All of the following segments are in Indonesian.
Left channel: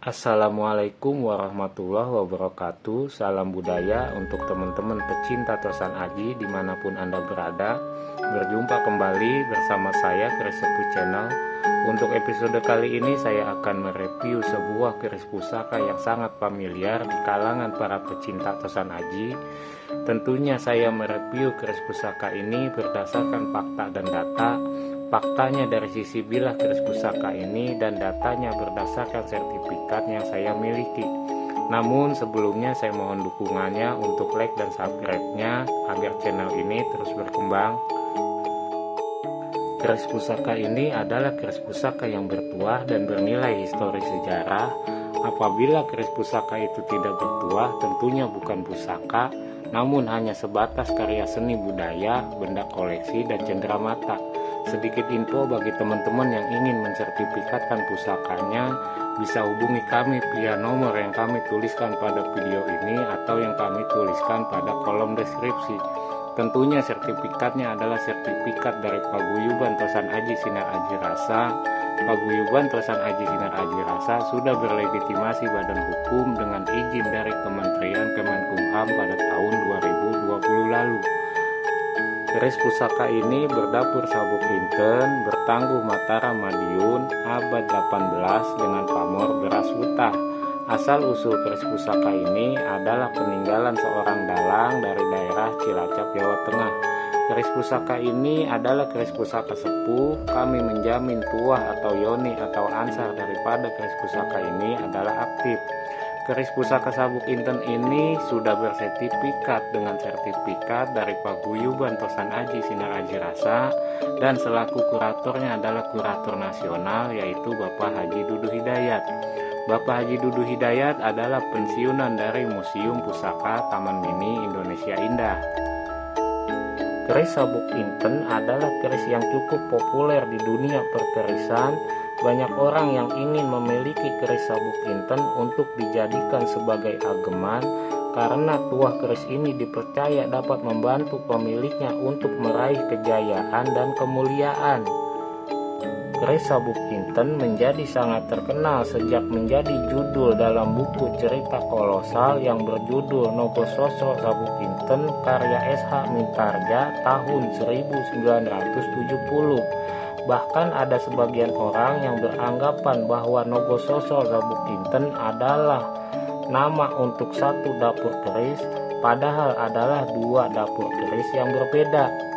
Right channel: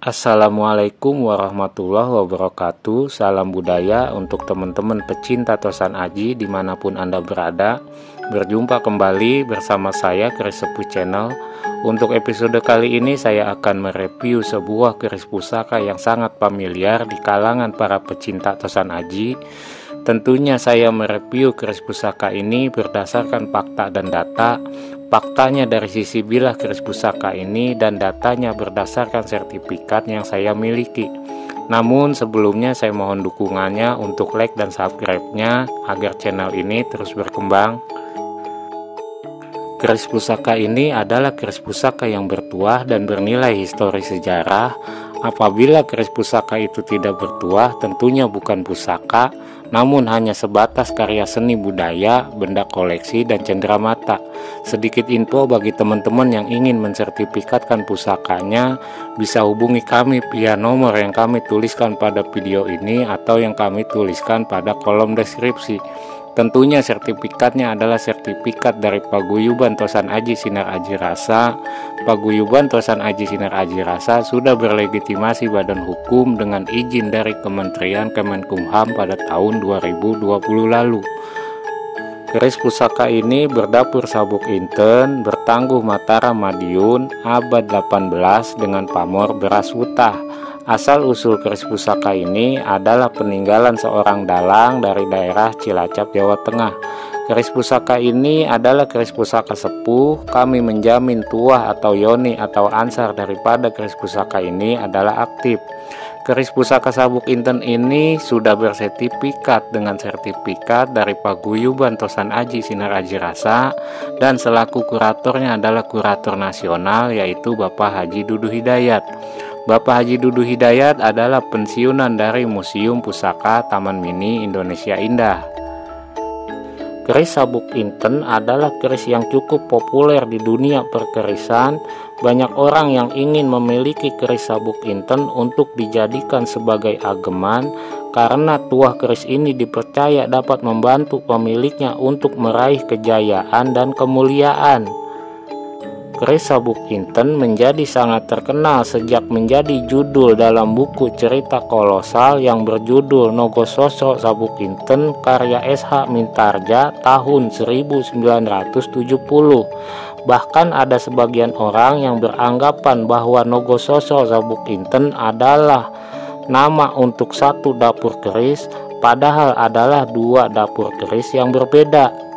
Assalamualaikum warahmatullahi wabarakatuh. Salam budaya untuk teman-teman pecinta Tosan Aji dimanapun Anda berada. Berjumpa kembali bersama saya Keris Sepuh Channel. Untuk episode kali ini saya akan mereview sebuah keris pusaka yang sangat familiar di kalangan para pecinta Tosan Aji. Tentunya saya mereview keris pusaka ini berdasarkan fakta dan data. Faktanya dari sisi bilah keris pusaka ini dan datanya berdasarkan sertifikat yang saya miliki. Namun sebelumnya saya mohon dukungannya untuk like dan subscribe-nya agar channel ini terus berkembang. Keris pusaka ini adalah keris pusaka yang bertuah dan bernilai historis sejarah. Apabila keris pusaka itu tidak bertuah, tentunya bukan pusaka, namun hanya sebatas karya seni budaya, benda koleksi, dan cenderamata. Sedikit info bagi teman-teman yang ingin mensertifikatkan pusakanya, bisa hubungi kami via nomor yang kami tuliskan pada video ini atau yang kami tuliskan pada kolom deskripsi. Tentunya sertifikatnya adalah sertifikat dari Paguyuban Tosan Aji Sinar Aji Rasa. Paguyuban Tosan Aji Sinar Aji Rasa sudah berlegitimasi badan hukum dengan izin dari Kementerian Kemenkumham pada tahun 2020 lalu. Keris pusaka ini berdapur sabuk inten, bertangguh Mataram Madiun, abad 18 dengan pamor beras wutah. Asal-usul keris pusaka ini adalah peninggalan seorang dalang dari daerah Cilacap, Jawa Tengah. Keris pusaka ini adalah keris pusaka sepuh. Kami menjamin tuah atau yoni atau ansar daripada keris pusaka ini adalah aktif. Keris pusaka sabuk inten ini sudah bersertifikat dengan sertifikat dari Paguyuban Tosan Aji Sinar Aji Rasa, dan selaku kuratornya adalah kurator nasional yaitu Bapak Haji Dudu Hidayat. Bapak Haji Dudu Hidayat adalah pensiunan dari Museum Pusaka Taman Mini Indonesia Indah. Keris sabuk inten adalah keris yang cukup populer di dunia perkerisan. Banyak orang yang ingin memiliki keris sabuk inten untuk dijadikan sebagai ageman karena tuah keris ini dipercaya dapat membantu pemiliknya untuk meraih kejayaan dan kemuliaan. Keris sabuk inten menjadi sangat terkenal sejak menjadi judul dalam buku cerita kolosal yang berjudul Nogososro Sabuk Inten karya S.H. Mintarja tahun 1970. Bahkan ada sebagian orang yang beranggapan bahwa Nogososro Sabuk Inten adalah nama untuk satu dapur keris, padahal adalah dua dapur keris yang berbeda.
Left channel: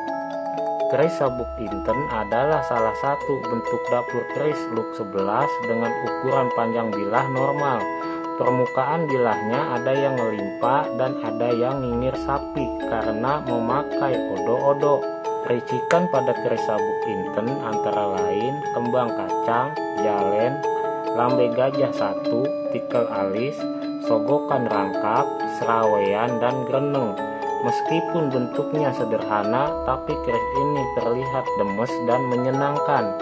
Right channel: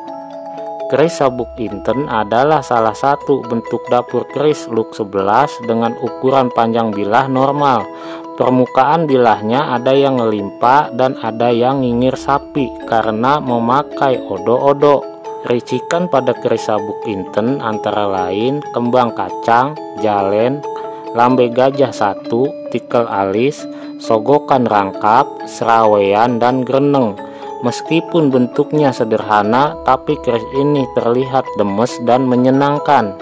Keris sabuk inten adalah salah satu bentuk dapur keris luk 11 dengan ukuran panjang bilah normal. Permukaan bilahnya ada yang ngelimpa dan ada yang nyinyir sapi karena memakai odo-odo. Ricikan pada keris sabuk inten antara lain kembang kacang, jalen, lambe gajah satu, tikel alis, sogokan rangkap, serawean, dan greneng. Meskipun bentuknya sederhana, tapi keris ini terlihat demes dan menyenangkan.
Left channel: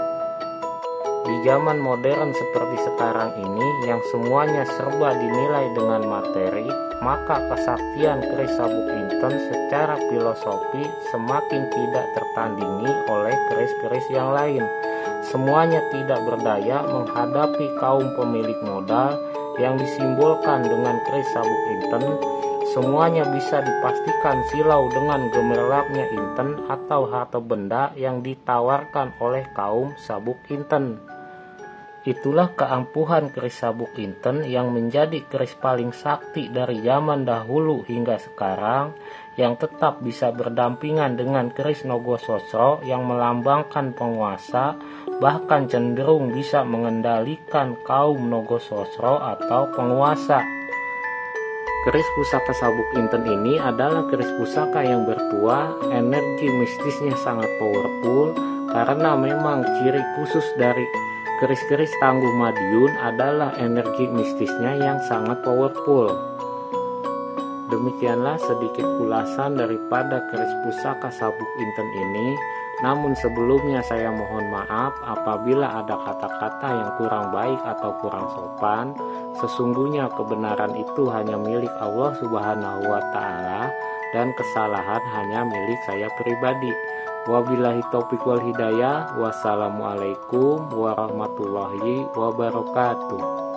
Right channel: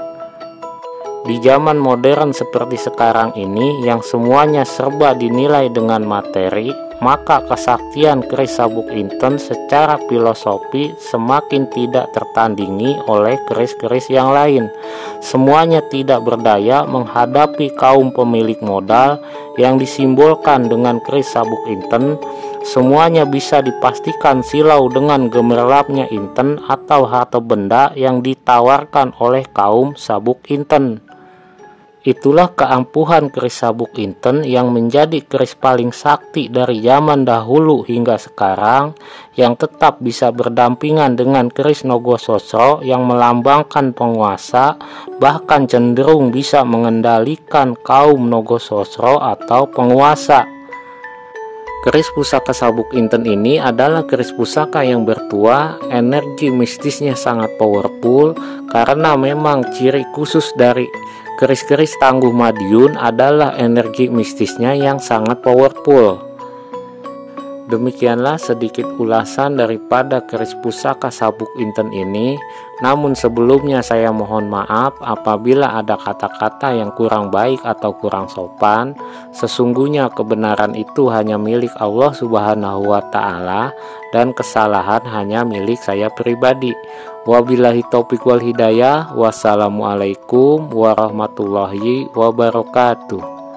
Di zaman modern seperti sekarang ini yang semuanya serba dinilai dengan materi, maka kesaktian keris sabuk inten secara filosofi semakin tidak tertandingi oleh keris-keris yang lain. Semuanya tidak berdaya menghadapi kaum pemilik modal yang disimbolkan dengan keris sabuk inten. Semuanya bisa dipastikan silau dengan gemerlapnya inten atau harta benda yang ditawarkan oleh kaum sabuk inten. Itulah keampuhan keris sabuk inten yang menjadi keris paling sakti dari zaman dahulu hingga sekarang, yang tetap bisa berdampingan dengan keris Nogososro yang melambangkan penguasa, bahkan cenderung bisa mengendalikan kaum Nogososro atau penguasa. Keris pusaka sabuk inten ini adalah keris pusaka yang bertuah, energi mistisnya sangat powerful karena memang ciri khusus dari keris-keris tangguh Madiun adalah energi mistisnya yang sangat powerful. Demikianlah sedikit ulasan daripada keris pusaka sabuk inten ini. Namun sebelumnya saya mohon maaf apabila ada kata-kata yang kurang baik atau kurang sopan. Sesungguhnya kebenaran itu hanya milik Allah Subhanahu wa Ta'ala dan kesalahan hanya milik saya pribadi. Wabillahi taufiq wal hidayah. Wassalamualaikum warahmatullahi wabarakatuh.